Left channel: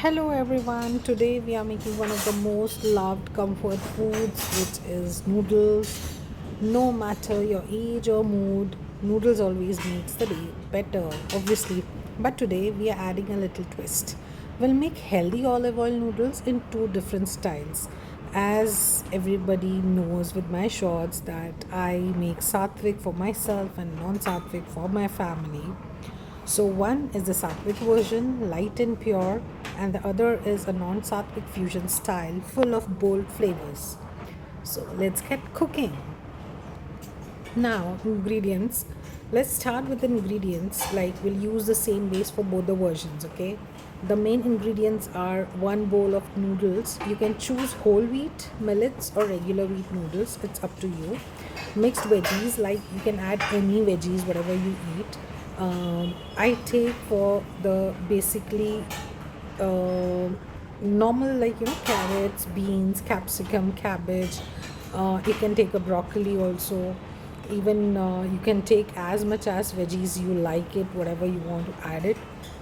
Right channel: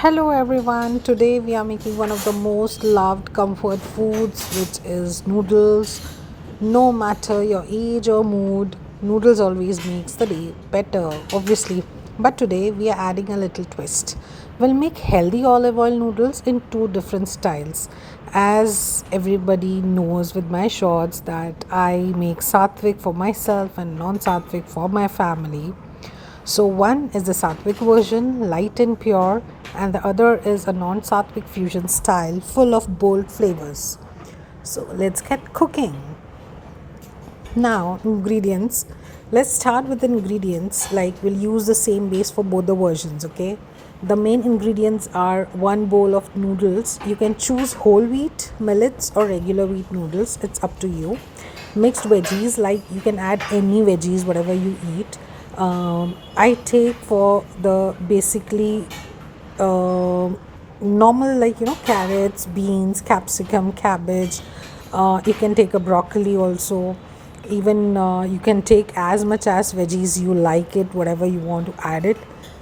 Hello everyone. Today we are making one of the most loved comfort foods, which is noodles. No matter your age or mood, noodles always makes the day better, obviously. But today we are adding a little twist. We'll make healthy olive oil noodles in two different styles. As everybody knows with my shorts that I make sattvic for myself and non-sattvic for my family. So, one is the Sattvic version, light and pure, and the other is a non Sattvic fusion style full of bold flavors. So, let's get cooking. Now, ingredients. Let's start with the ingredients. Like, we'll use the same base for both the versions, okay? The main ingredients are one bowl of noodles. You can choose whole wheat, millets, or regular wheat noodles. It's up to you. Mixed veggies, like you can add any veggies, whatever you eat. I take for the basically normal, like carrots, beans, capsicum, cabbage. You can take a broccoli also. Even you can take as much as veggies you like it, whatever you want to add it.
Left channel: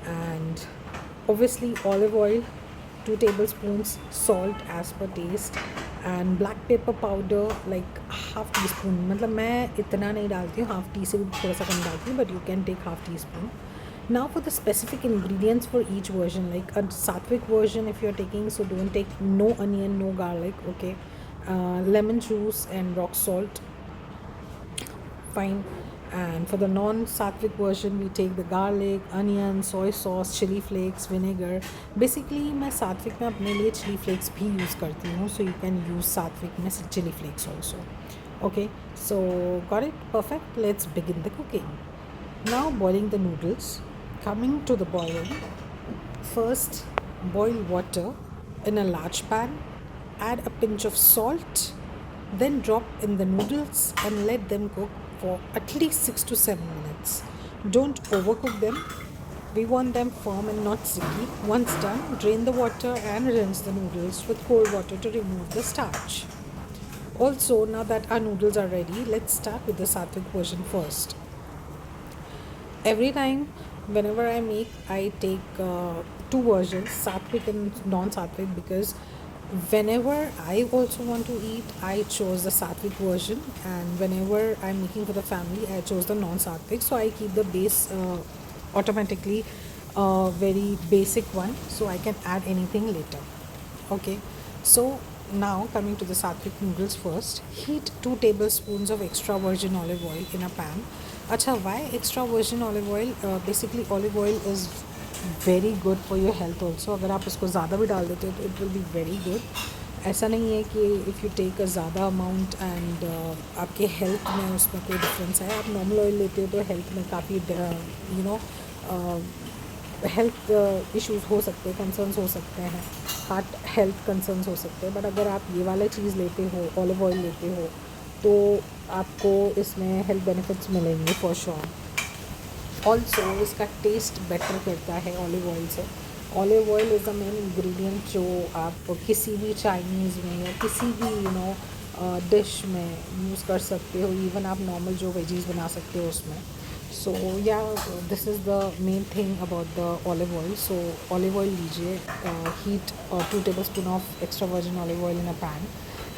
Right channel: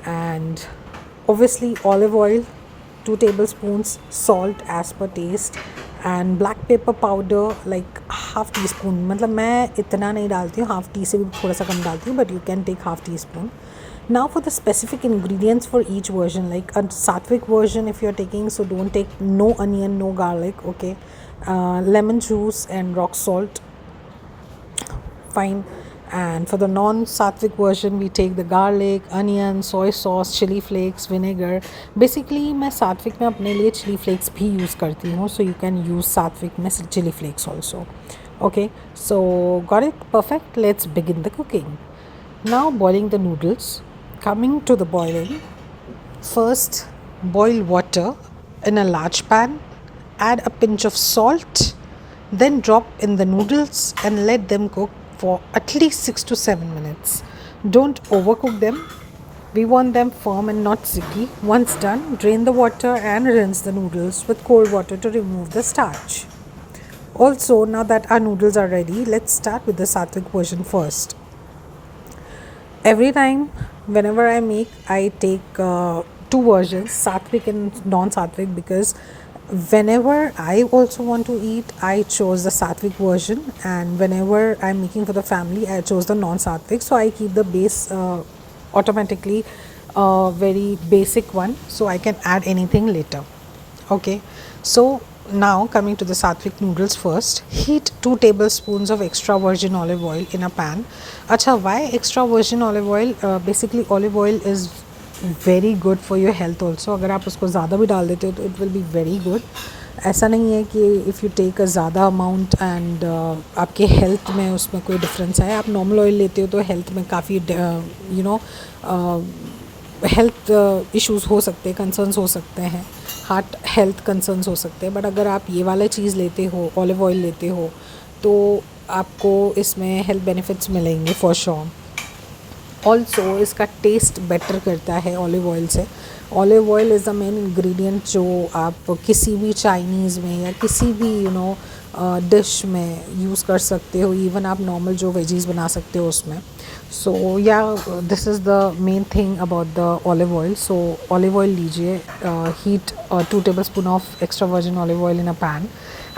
And obviously olive oil, 2 tablespoons, salt as per taste, and black pepper powder like half tea spoon. मतलब मैं इतना नहीं डालती हूँ, half T से भी थोड़ा सा कम डालती हूँ, but you can take half teaspoon. Now for the specific ingredients for each version, like a sattvic version if you're taking, so don't take no onion, no garlic, okay. Lemon juice and rock salt, fine. And for the non-sattvic version, we take the garlic, onion, soy sauce, chili flakes, vinegar. Basically मैं सात्विक में अपने लिए chili flakes भी use करती हूँ, so you can use सात्विक में chili flakes also. Okay, so got it? Perfect. Let's begin the cooking. Now boiling the noodles. Coming to the boiling, first boil water in a large pan. Add a pinch of salt, then drop in the noodles and let them cook for at least 6 to 7 minutes. Don't overcook them. We want them firm and not sticky. Once done, drain the water and rinse the noodles with cold water to remove the starch. Also, now that our noodles are ready, let's start with the sattvic version first. Every time, whenever I make, I take two versions, sattvic and non-sattvic, because whenever I also want to eat, I chose the sattvic version, and whenever I'm making for the family, I chose the non-sattvic. So I keep the base automatically very basic one, so I can add anything later. Okay, so now coming to the sattvic noodles first. Heat 2 tablespoons of extra virgin olive oil in a pan. Acha, why extra virgin olive oil? Basically olive oil is very good for your health also. अगर आप उसको ज़्यादा भी डाल देते हो तो it will be very good. ऐसा नहीं है कि इफ़ यू टेक अ ज़्यादा अमाउंट एंड आपके हेल्थ में उसमें कोई डिफरेंस है. आप नॉर्मल ऑयल लेते हो तो हेल्थ में काफ़ी हेल्थ इश्यूज़ हो सकते हैं, कंसर्न्स हो सकते हैं, हार्ट हेल्थ कंसर्न्स हो सकते हैं. बट अगर आप ये वाला चीज़ लेते हो, ऑलिव ऑयल लेते हो, तो आपको इसमें हेल्थ बेनिफिट्स मिलेंगे फॉर श्योर. ऑल्सो इसका टेस्ट बेटर करता है ऑलिव ऑयल से. Olive oil is the main ingredient जो आप किसी भी चाइनीज़ में या किसी भी डिश में यूज़ कर सकते हो. इवन आप नॉर्मल जो वेजीज़ बना सकते हो उसमें. So yeah this is the main thing about the olive oil. So olive oil लीजिए, heat 2 tablespoon of extra virgin olive oil in a pan.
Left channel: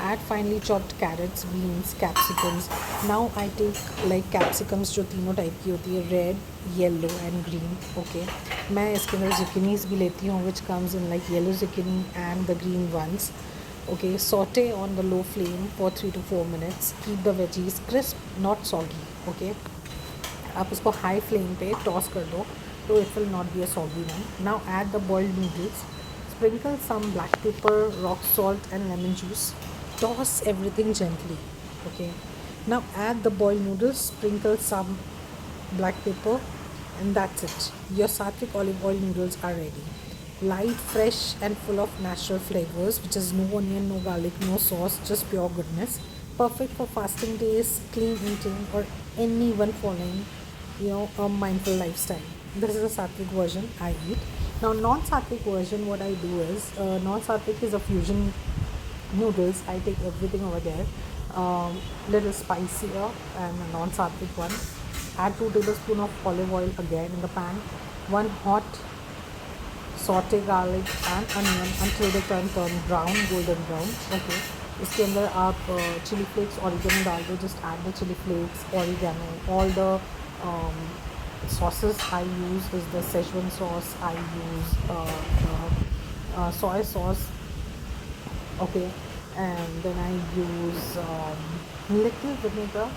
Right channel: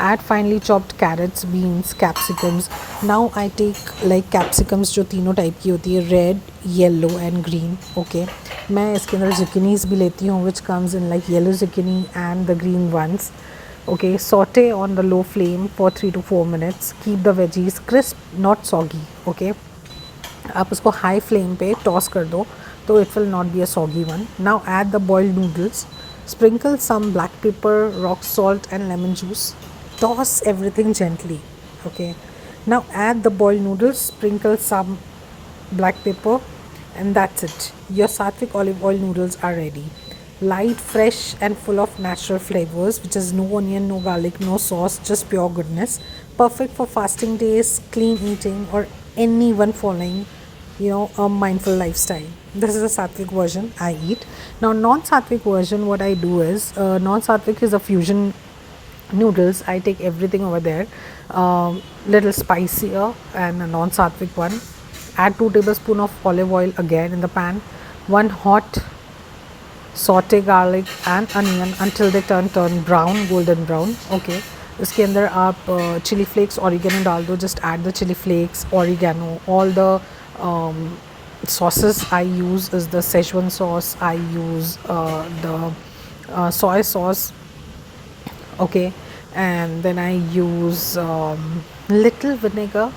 Add finely chopped carrots, beans, capsicums. Now I take like capsicums जो तीनों type की होती है, red, yellow and green. Okay, मैं इसके अंदर zucchinis भी लेती हूँ which comes in like yellow zucchini and the green ones. Okay, saute on the low flame for 3 to 4 minutes. Keep the veggies crisp, not soggy. Okay, आप उसको high flame पे toss कर दो तो it will not be a soggy one. Now add the boiled noodles. Sprinkle some black pepper, rock salt and lemon juice. Toss everything gently. Okay, now add the boiled noodles, sprinkle some black pepper, and that's it. Your sattvic olive oil noodles are ready. Light, fresh and full of natural flavors, which is no onion, no garlic, no sauce, just pure goodness. Perfect for fasting days, clean eating, or anyone following a mindful lifestyle. This is a sattvic version I eat. Now non-sattvic version, what I do is, non-sattvic is a fusion noodles. I take everything over there, little spicier and a non-sattvic one. Add 2 tablespoons of olive oil again in the pan. One hot saute garlic and onion until they turn brown, golden brown. Okay. इसके अंदर आप chilli flakes oregano डाल दो. Just add the chilli flakes, oregano, all the sauces I use is the Szechuan sauce. I use the soy sauce. Okay. And then I use little vinegar.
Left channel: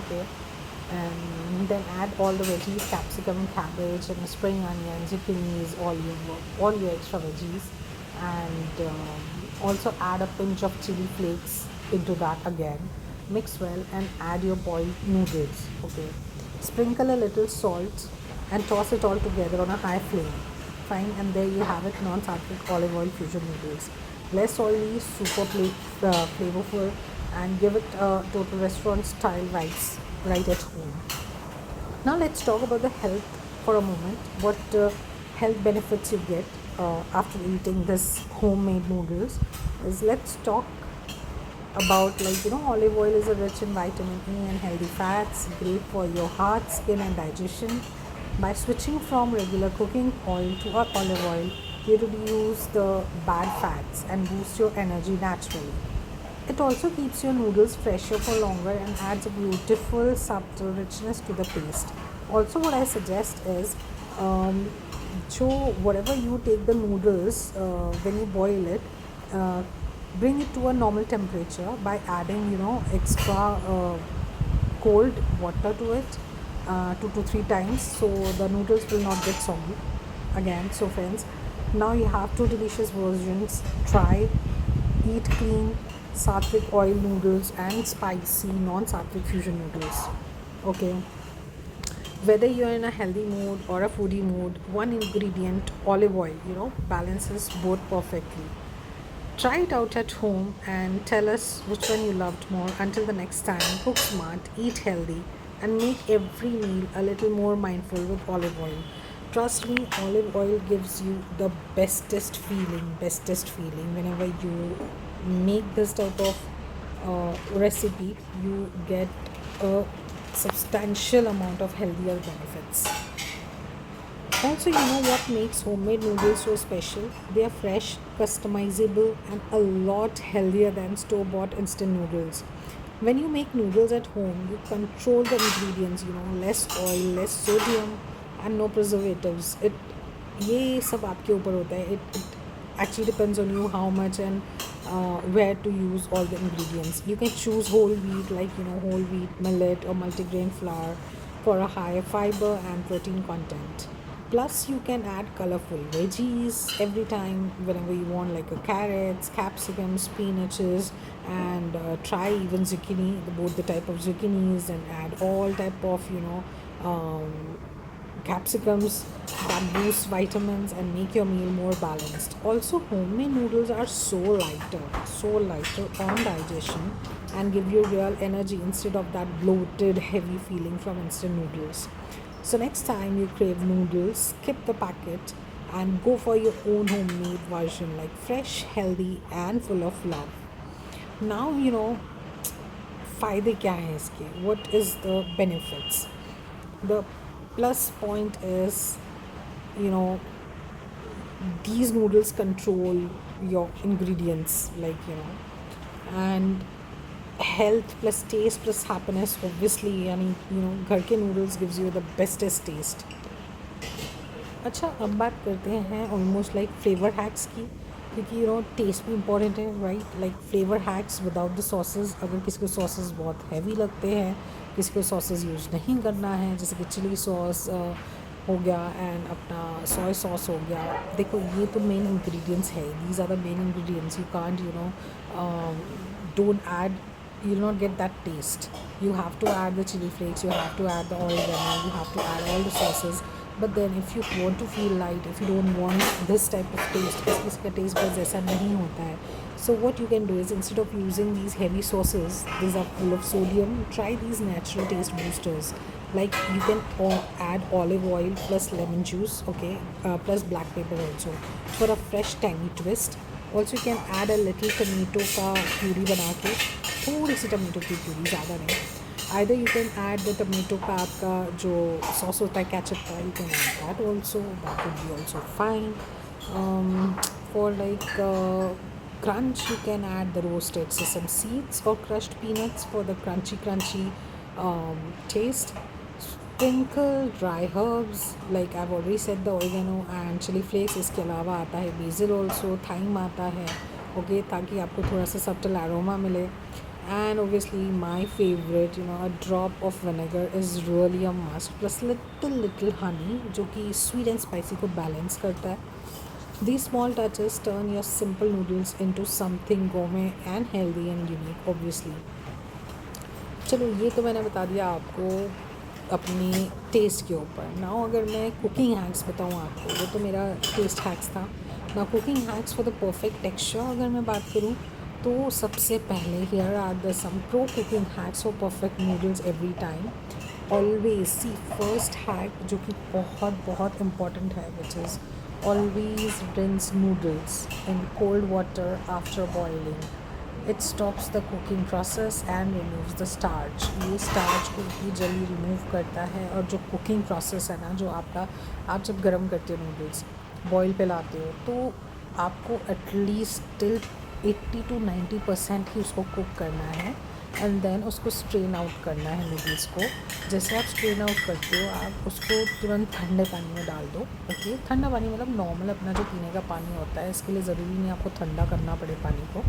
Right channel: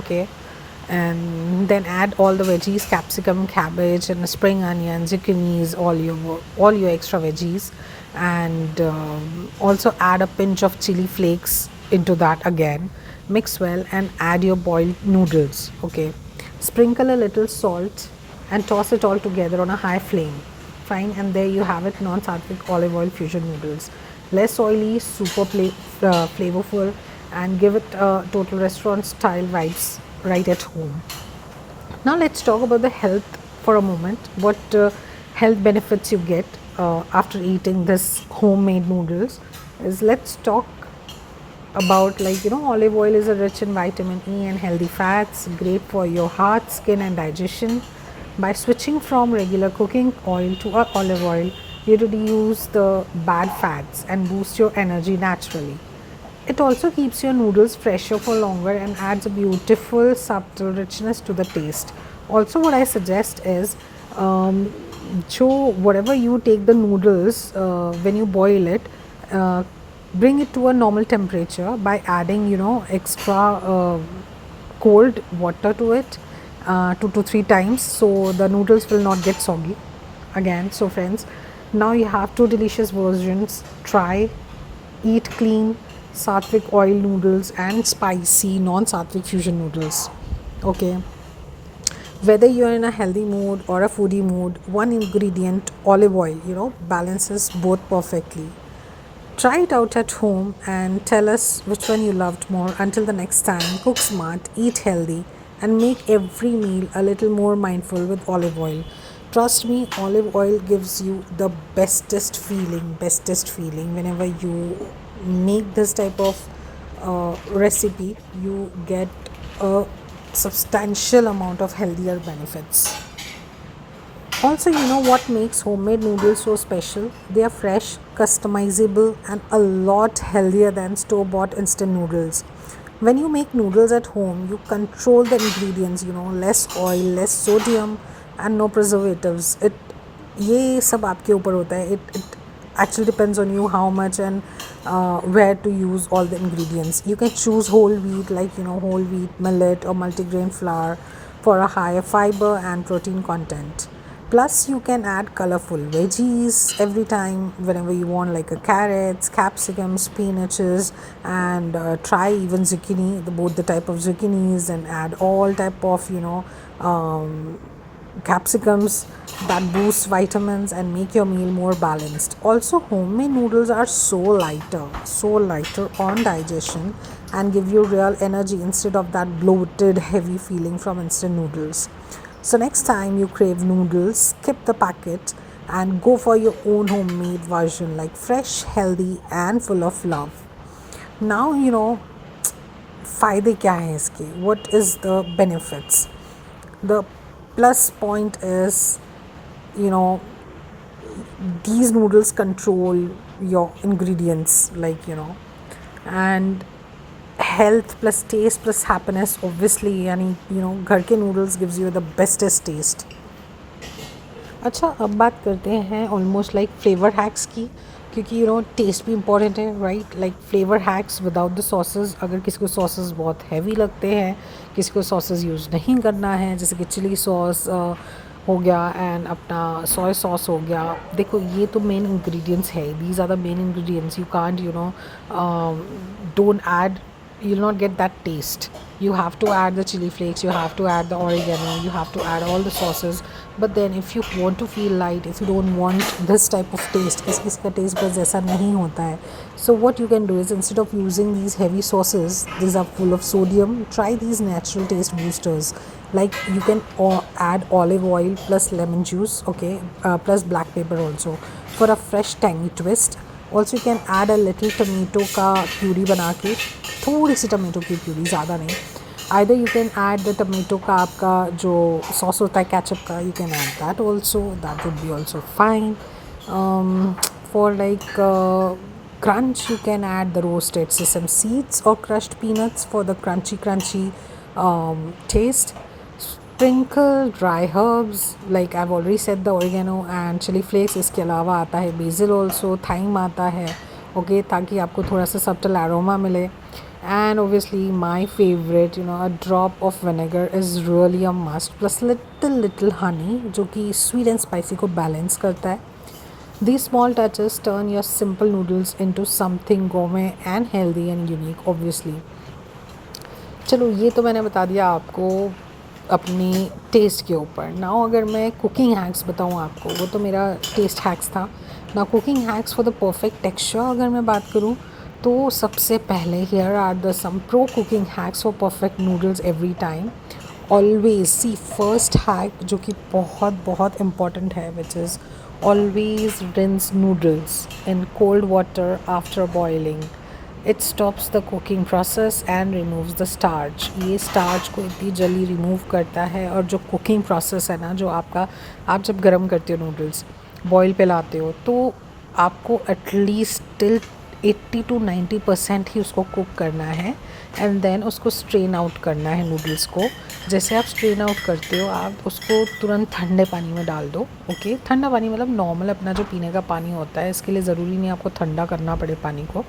Okay. And then add all the veggies, capsicum, cabbage, and spring onions, zucchinis, all your extra veggies. And also add a pinch of chili flakes into that again. Mix well and add your boiled noodles. Okay. Sprinkle a little salt and toss it all together on a high flame. Fine, and there you have it, non-sattvic olive oil fusion noodles. Less oily, super flavorful, and give it a total restaurant style vibes right at home. Now let's talk about the health for a moment. What health benefits you get after eating this homemade noodles is, let's talk about, like, olive oil is rich in vitamin E and healthy fats, great for your heart, skin and digestion. By switching from regular cooking oil to olive oil, you reduce the bad fats and boost your energy naturally. It also keeps your noodles fresher for longer and adds a beautiful subtle richness to the taste. Also, what I suggest is, so whatever you take the noodles, when you boil it, uh, bring it to a normal temperature by adding extra cold water to it 2 to 3 times, so the noodles will not get soggy again. So friends, now you have two delicious versions. Try, eat clean sattvic oil noodles and spicy non-sattvic fusion noodles. Okay. Whether you're in a healthy mood or a foodie mood, one ingredient, olive oil, balances both perfectly. Try it out at home and tell us which one you loved more. Until the next time, cook smart, eat healthy, and make every meal a little more mindful with olive oil. Trust me, olive oil gives you the bestest feeling whenever you make this type of recipe. You get a substantial amount of healthier benefits. Also, what makes homemade noodles so special? They are fresh, customizable, and a lot healthier than store bought instant noodles. When you make noodles at home, you control the ingredients, less oil, less sodium, and no preservatives. ये सब आपके ऊपर होता है. It actually depends on you how much and where to use all the ingredients. You can choose whole wheat, like whole wheat, millet, or multigrain flour for a higher fiber and protein content. Plus, you can add colorful veggies every time whenever you want, like carrots, capsicums, spinaches, and try even zucchini, both the type of zucchinis, and add all type of capsicums that boost vitamins and make your meal more balanced. Also, homemade noodles are so lighter on digestion and give you real energy instead of that bloated heavy feeling from instant noodles. So next time you crave noodles, skip the packet and go for your own homemade version, like fresh, healthy, and full of love. Now फ़ायदे क्या हैं इसके? What is the benefits? The plus point is, these noodles control your ingredients, and health plus taste plus happiness, obviously. यानी घर के noodles gives you the bestest taste. अच्छा, अब बात करते हैं ऑलमोस्ट लाइक फ्लेवर हैक्स की, क्योंकि टेस्ट भी इम्पॉर्टेंट है, right? Like flavour hacks without the sauces. अगर किसी को सॉसेस बहुत हैवी लगते हैं, किसी को सॉसेस यूज़ नहीं करना है, जैसे कि चिली सॉस हो गया एंड अपना सोया सॉस हो गया. देखो, ये तो मेन इंग्रेडिएंट्स है. These are the main ingredients. You can't don't add, you'll not get that taste. You have to add the chili flakes, you have to add the oregano, you have to add all the sauces. But then if you want to feel light, if you don't want this type of taste, इसका taste बस ऐसा नहीं होता है. So what you can do is, instead of using these heavy sauces, these are full of sodium, try these natural taste boosters. Like, you can add olive oil plus lemon juice, okay, plus black pepper also, for a fresh tangy twist. Also you can add a little tomato का puree बना के, थोड़ी सी tomato की puree, ज़्यादा नहीं. Either you can add the tomato का आपका जो सॉस होता है केचप का, you can add that also, that would be also fine. For like crunch, you can add the roasted sesame seeds or crushed peanuts for the crunchy taste. Sprinkle dry herbs, like I've already said, the oregano and chili flakes. इसके अलावा आता है basil also, thyme आता है, okay, ताकि आपको थोड़ा सा subtle aroma मिले. And obviously my favorite, a drop of vinegar is really a must, plus little honey जो कि sweet and spicy को balance करता है. These small touches turn your simple noodles into something gourmet and healthy and unique, obviously. चलो, ये तो मैंने बता दिया आपको अपनी टेस्ट के ऊपर. नाउ अगर मैं कुकिंग हैक्स बताऊँ आपको, वो तो मेरा टेस्ट हैक्स था. ना cooking hacks for the perfect texture अगर मैं बात करूँ, तो सबसे पहले here are the some pro cooking hacks for perfect noodles every time. Always see first hack जो कि बहुत बहुत इम्पॉर्टेंट है, which is always rinse noodles in cold water after boiling. It stops the cooking process and removes the starch. ये starch को इतनी जल्दी remove करता है. और जो कुकिंग प्रोसेस है ना, जो आपका, आप जब गर्म करते हो नूडल्स, बॉईल पे लाते हो, तो आपको एटलीस्ट टिल 80 to 90% ही उसको कुक करना है. एंड देन उसको स्ट्रेन आउट करना है नूडल्स को. जैसे आप स्ट्रेन आउट करते हो, आप उसको तुरंत ठंडे पानी में डाल दो. ओके, ठंडा पानी मतलब नॉर्मल अपना जो पीने का पानी होता है. इसके लिए ज़रूरी नहीं आपको ठंडा करना पड़े पानी को.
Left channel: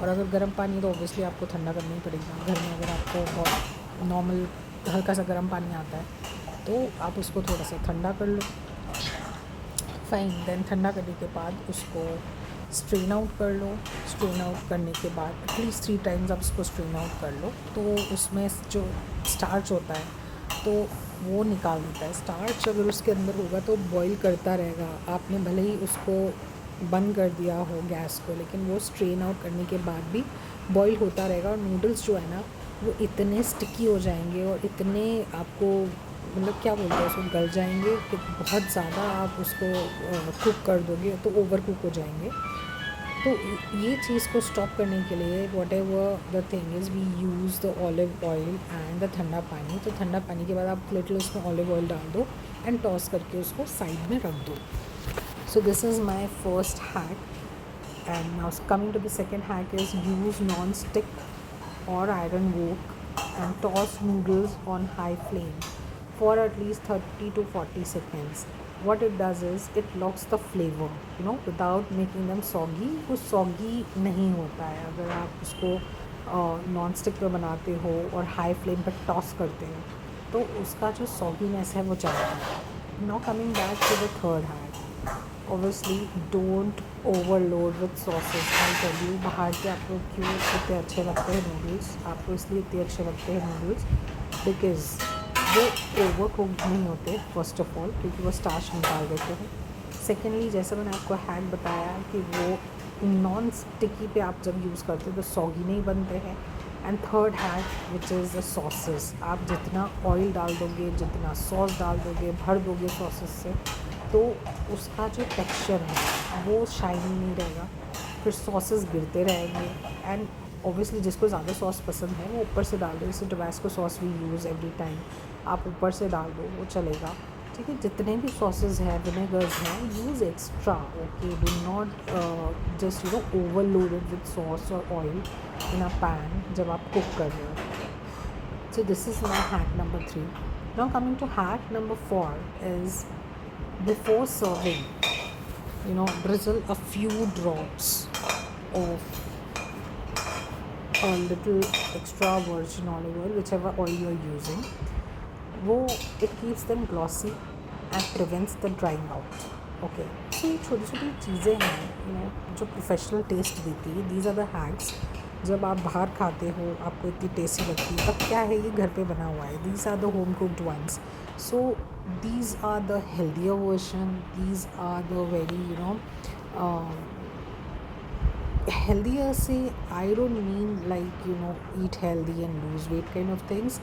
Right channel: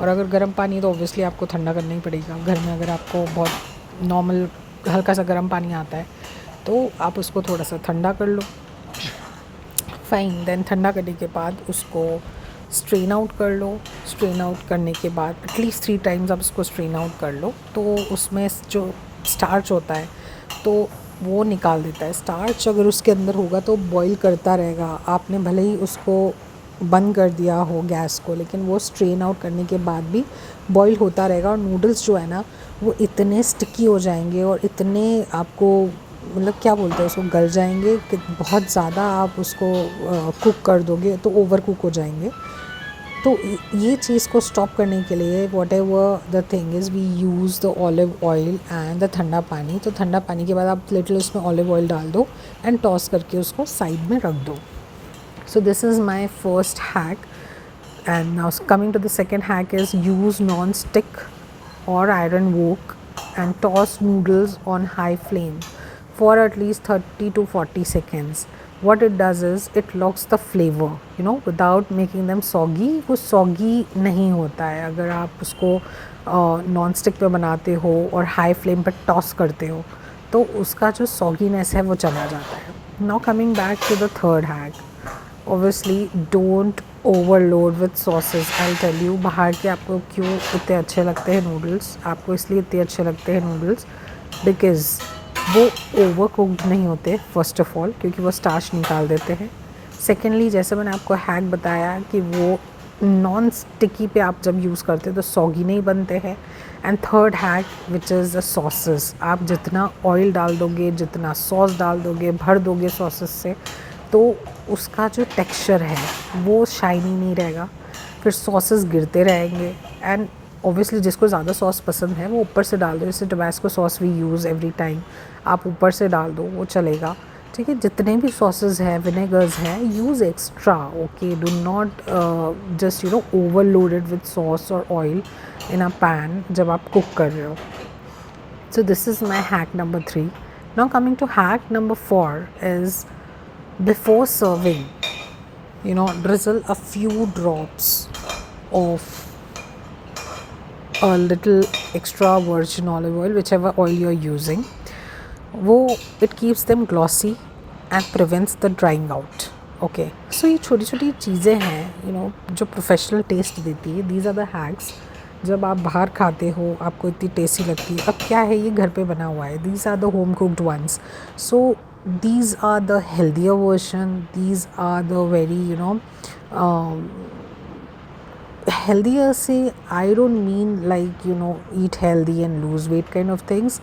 और अगर गर्म पानी है तो ऑब्वियसली आपको ठंडा करना ही पड़ेगा. घर में अगर आपको बहुत नॉर्मल हल्का सा गर्म पानी आता है, तो आप उसको थोड़ा सा ठंडा कर लो. फाइन. देन ठंडा करने के बाद उसको स्ट्रेन आउट कर लो. स्ट्रेन आउट करने के बाद एटलीस्ट 3 टाइम्स आप उसको स्ट्रेन आउट कर लो, तो उसमें जो स्टार्च होता है तो वो निकाल देता है. स्टार्च अगर उसके अंदर होगा तो बॉईल करता रहेगा. आपने भले ही उसको बंद कर दिया हो गैस को, लेकिन वो स्ट्रेन आउट करने के बाद भी बॉईल होता रहेगा. और नूडल्स जो है ना, वो इतने स्टिकी हो जाएंगे और इतने आपको, मतलब क्या बोलते हैं उसको, गल जाएंगे कि बहुत ज़्यादा आप उसको कुक कर दोगे तो ओवर कुक हो जाएंगे. तो ये चीज़ को स्टॉप करने के लिए whatever the thing is, we use the olive oil and the ठंडा पानी. तो ठंडा पानी के बाद आप लिटिल उसमें ऑलिव ऑयल डाल दो एंड टॉस करके उसको साइड में रख दो. So this is my first hack. And now coming to the second hack is use non stick or iron wok and toss noodles on high flame for at least 30 to 40 seconds. What it does is it locks the flavor, without making them soggy. वो soggy नहीं होता है अगर आप उसको non stick पे बनाते हो और हाई फ्लेम पर टॉस करते हो, तो उसका जो सॉगीनेस है वो चला जाता है. Now coming back to the third hack. Obviously don't overload with sauces. I'll tell you बाहर के आपको क्यों इतने अच्छे लगते हैं नूडल्स. आपको इसलिए इतने अच्छे लगते हैं नूडल्स बिकॉज़ वो ओवर कुक्ड नहीं होते, फर्स्ट ऑफ ऑल, क्योंकि वो स्टार्च निकाल देते हैं. सेकेंडली, जैसे मैंने आपको हैक बताया कि वो नॉन स्टिकी पे आप जब यूज़ करते हो तो सॉगी नहीं बनते हैं. And third hack which is the sauces. आप जितना ऑयल डाल दोगे, जितना सॉस डाल दोगे, भर दोगे सॉसेस से, तो उसका जो टेक्सचर है वो शाइनी नहीं रहेगा. फिर सॉसेस गिरते रहेंगे. एंड ऑब्वियसली जिसको ज़्यादा सॉस पसंद है वो ऊपर से डाल दो. जैसे Tabasco sauce we use every time, आप ऊपर से डाल दो, वो चलेगा. ठीक है, जितने भी सॉसेस हैं, विनेगर्स हैं, use extra. Okay, do not just overloaded with sauce और ऑयल इन अ पैन जब आप कुक कर रहे हो. So this is my hack number 3. Now coming to hack number 4 is, before serving, drizzle a few drops of a little extra virgin olive oil, whichever oil you're using. It keeps them glossy and prevents the drying out. Okay, so ये छोटी छोटी चीज़ें हैं जो professional taste देती है. These are the hacks. जब आप बाहर खाते हो आपको इतनी टेस्टी लगती है. अब क्या है, ये घर पे बना हुआ है. These are the home cooked ones. सो these are the healthier version. These are the very healthier. Say, I don't mean like eat healthy and lose weight kind of things.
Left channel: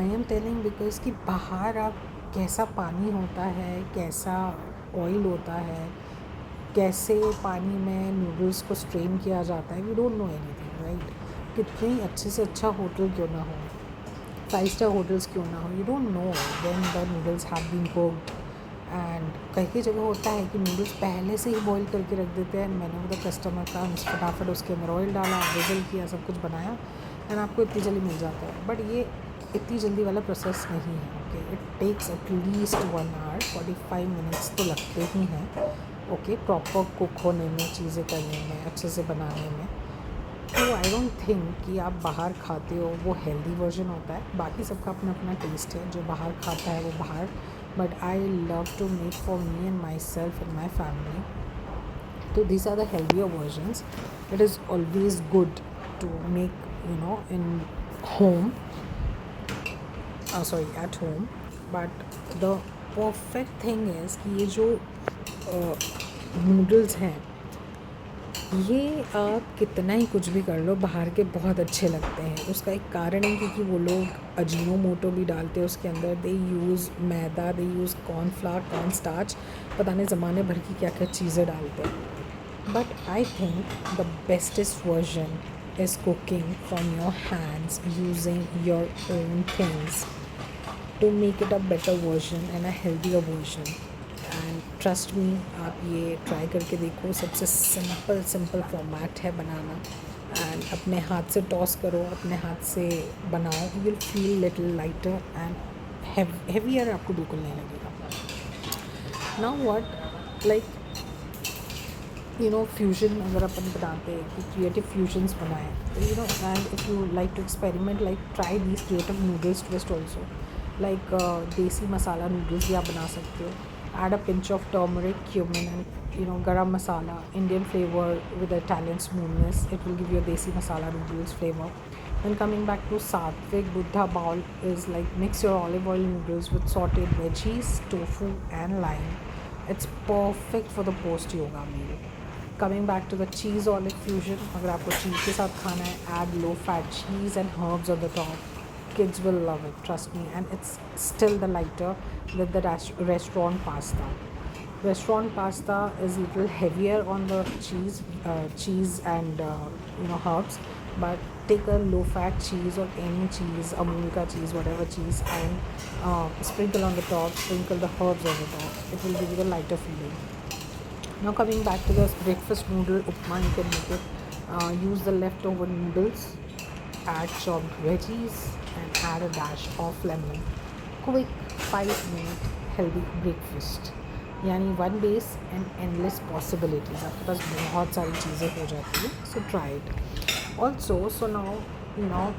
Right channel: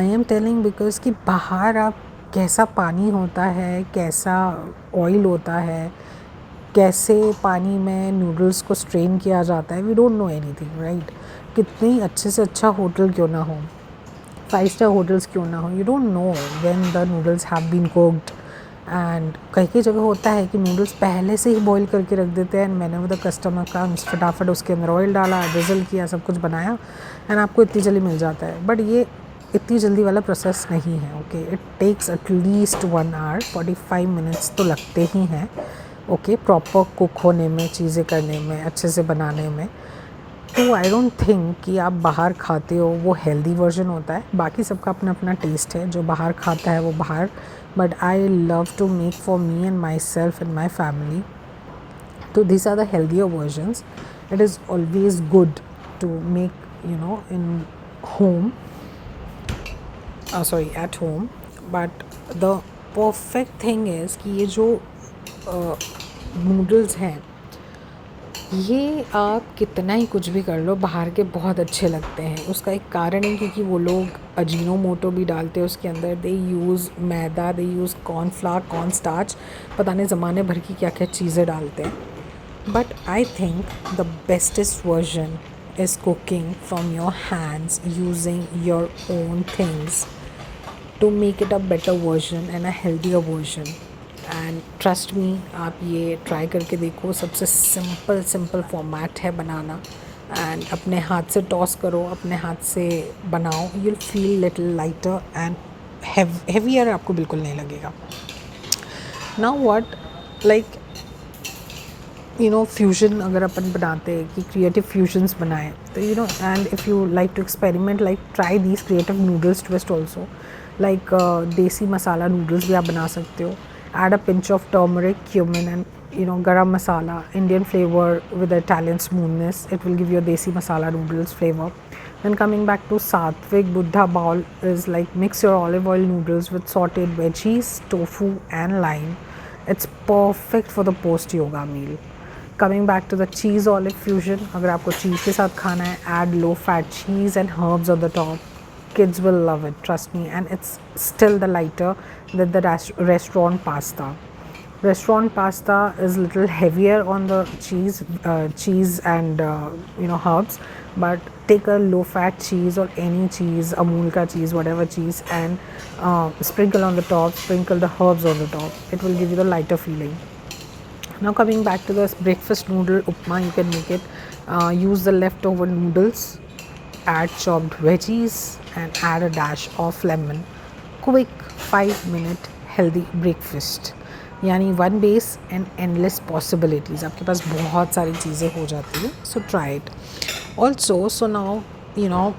I am telling because कि बाहर आप कैसा पानी होता है, कैसा oil होता है, कैसे पानी में नूडल्स को स्ट्रेन किया जाता है, we don't know anything, right. कितनी अच्छे से अच्छा होटल क्यों ना हो, 5 स्टार होटल्स क्यों ना हो, you don't know when the noodles have been cooked and कई कई जगह होता है कि नूडल्स पहले से ही बॉईल करके रख देते हैं एंड मैंने वो द कस्टमर का फटाफट उसके अंदर ऑयल डाला, विज़ल किया, सब कुछ बनाया एंड आपको इतनी जल्दी मिल जाता है। बट ये इतनी जल्दी वाला प्रोसेस नहीं है। Okay, it takes at least 1 hour 45 minutes तो लगते ही हैं। ओके, प्रॉपर कुक होने में, चीज़ें करने में, अच्छे से बनाने में। तो आई डोंट थिंक कि आप बाहर खाते हो वो हेल्दी वर्जन होता है। बाकी सबका अपना अपना टेस्ट है, जो बाहर खाता है वो बाहर, but I love to make for me and myself and my family. तो these are the healthier versions. It is always good to make, in home, sorry, at home. But the perfect thing is कि ये जो noodles हैं, ये आप कितना ही कुछ भी कर लो, बाहर के बहुत अच्छे लगते हैं। उसका एक कारण है क्योंकि वो लोग अजीनोमोटो भी डालते हैं उसके अंदर। दे यूज़ मैदा, दे यूज़ कॉर्नफ्लावर, कॉर्न स्टार्च, पता नहीं ज़माने भर की क्या क्या चीज़ें डालते हैं। But I think the bestest version is cooking from your hands using your own things to make it a better version and a healthier version. And trust me, आप ये ट्राई करके देखो। सबसे सिंपल फॉर्मेट है बनाना, and अपने हाथ से toss करो, अपने हाथ से बनाओ, you will feel little lighter and heavier आपको बिल्कुल नहीं लगेगा। नाउ व्हाट, लाइक फ्यूजन अगर अपन बनाते हैं कि क्रिएटिव फ्यूजन्स बनाएं, तो and if you like to experiment, like try these creative noodles twist also. Like desi masala noodles भी आप बना सकते हो। Add a pinch of turmeric, cumin, and garam masala, Indian flavor with the Italian smoothness. It will give you a desi masala noodles flavor. Then coming back to Sattvic Buddha bowl is like mix your olive oil noodles with sauteed veggies, tofu, and lime. It's perfect for the post yoga meal. Coming back to the cheese olive fusion, अगर आपको चीज़ के साथ खाना है, add low fat cheese and herbs on the top. Kids will love it, trust me, and it's still the lighter than the restaurant pasta. Restaurant pasta is little heavier on the cheese and herbs, but take a low fat cheese or any cheese, Amul ka cheese, whatever cheese, and sprinkle on the top, sprinkle the herbs on the top. It will give you the lighter feeling. Now coming back to this breakfast noodle upma, you can make it. Use the leftover noodles, add chopped veggies, and add a dash of lemon. Quick 5-minute healthy breakfast, यानी one base and endless possibilities, आपके पास बहुत सारी चीज़ें हो जाती हैं। So try it also. So now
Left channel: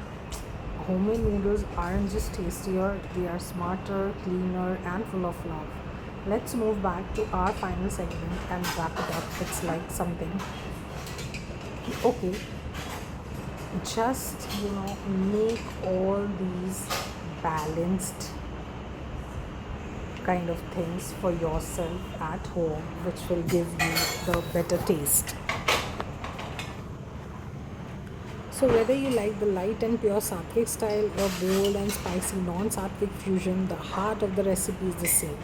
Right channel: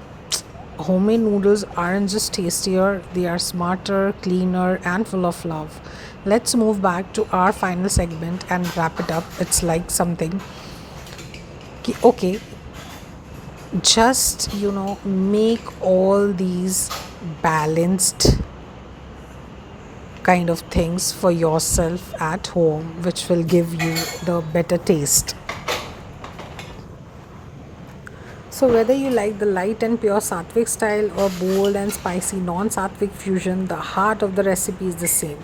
homemade noodles aren't just tastier, they are smarter, cleaner, and full of love. Let's move back to our final segment and wrap it up. It's like something okay, just make all these balanced kind of things for yourself at home, which will give you the better taste. So whether you like the light and pure Sattvic style or bold and spicy non-Sattvic fusion, the heart of the recipe is the same.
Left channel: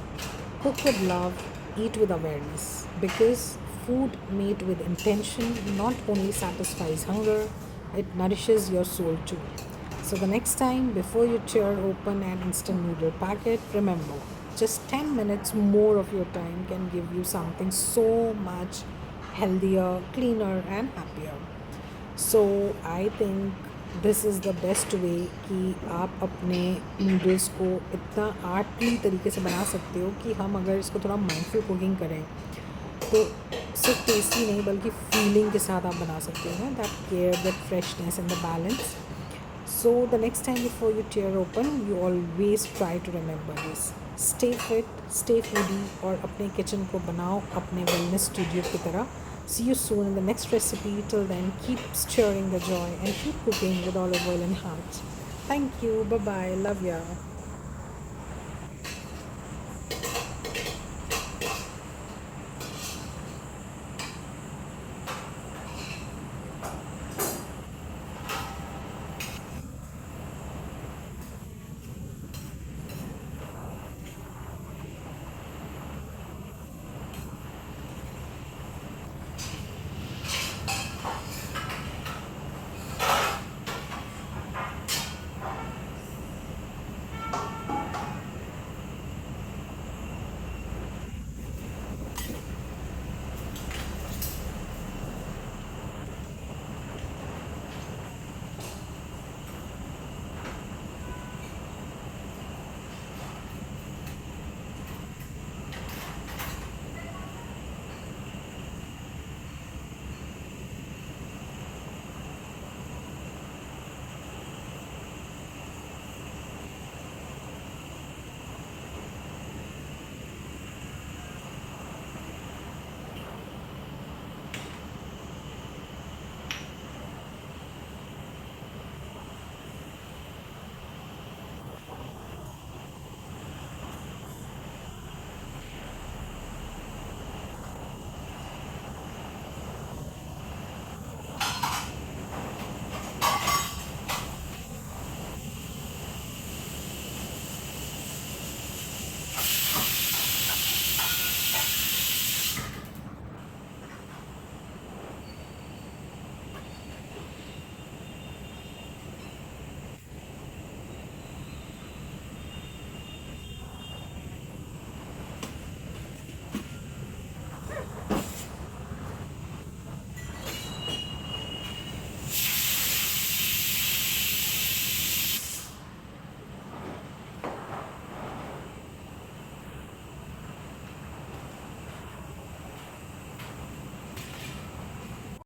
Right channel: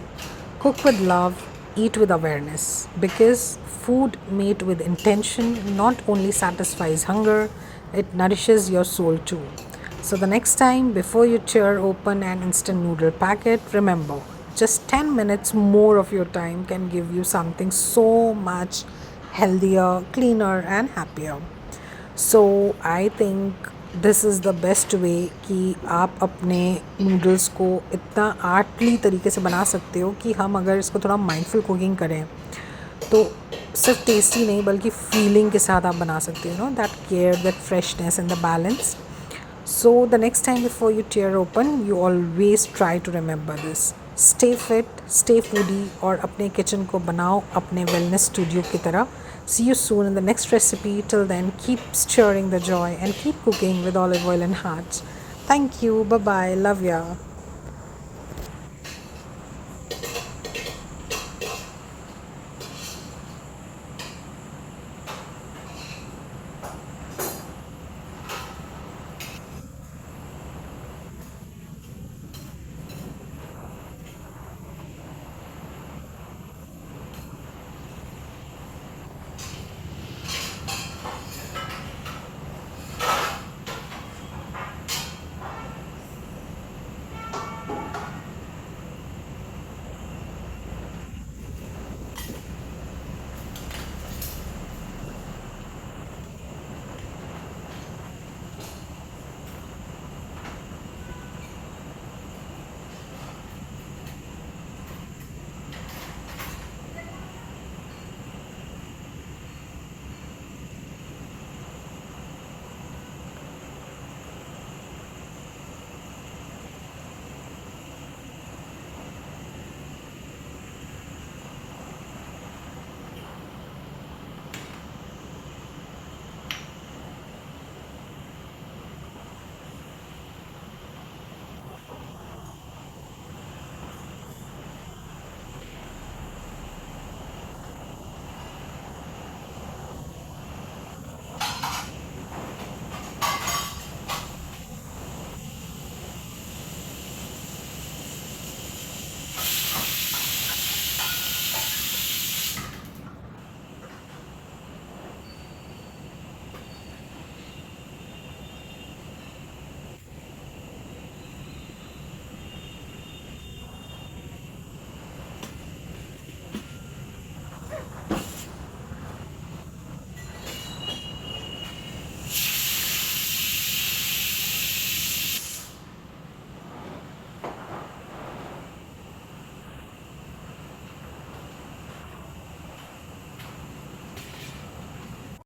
Cook with love, eat with awareness, because food made with intention not only satisfies hunger, it nourishes your soul too. So the next time, before you tear open an instant noodle packet, remember, just 10 minutes more of your time can give you something so much healthier, cleaner, and happier. So I think this is the best way कि आप अपने noodles को इतना आर्टली तरीके से बना सकते हो कि हम अगर इसको थोड़ा माइंडफुल कुकिंग करें तो सिर्फ टेस्टी नहीं बल्कि फीलिंग के साथ आप बना सकते हो, that care, that freshness and the balance. So the next time before you tear open, you always try to remember this. Stay fit, stay foodie, और अपने किचन को बनाओ अपने wellness studio की तरह. See you soon in the next recipe. Till then, keep stirring the joy and keep cooking with olive oil and heart. Thank you. Bye bye. Love ya.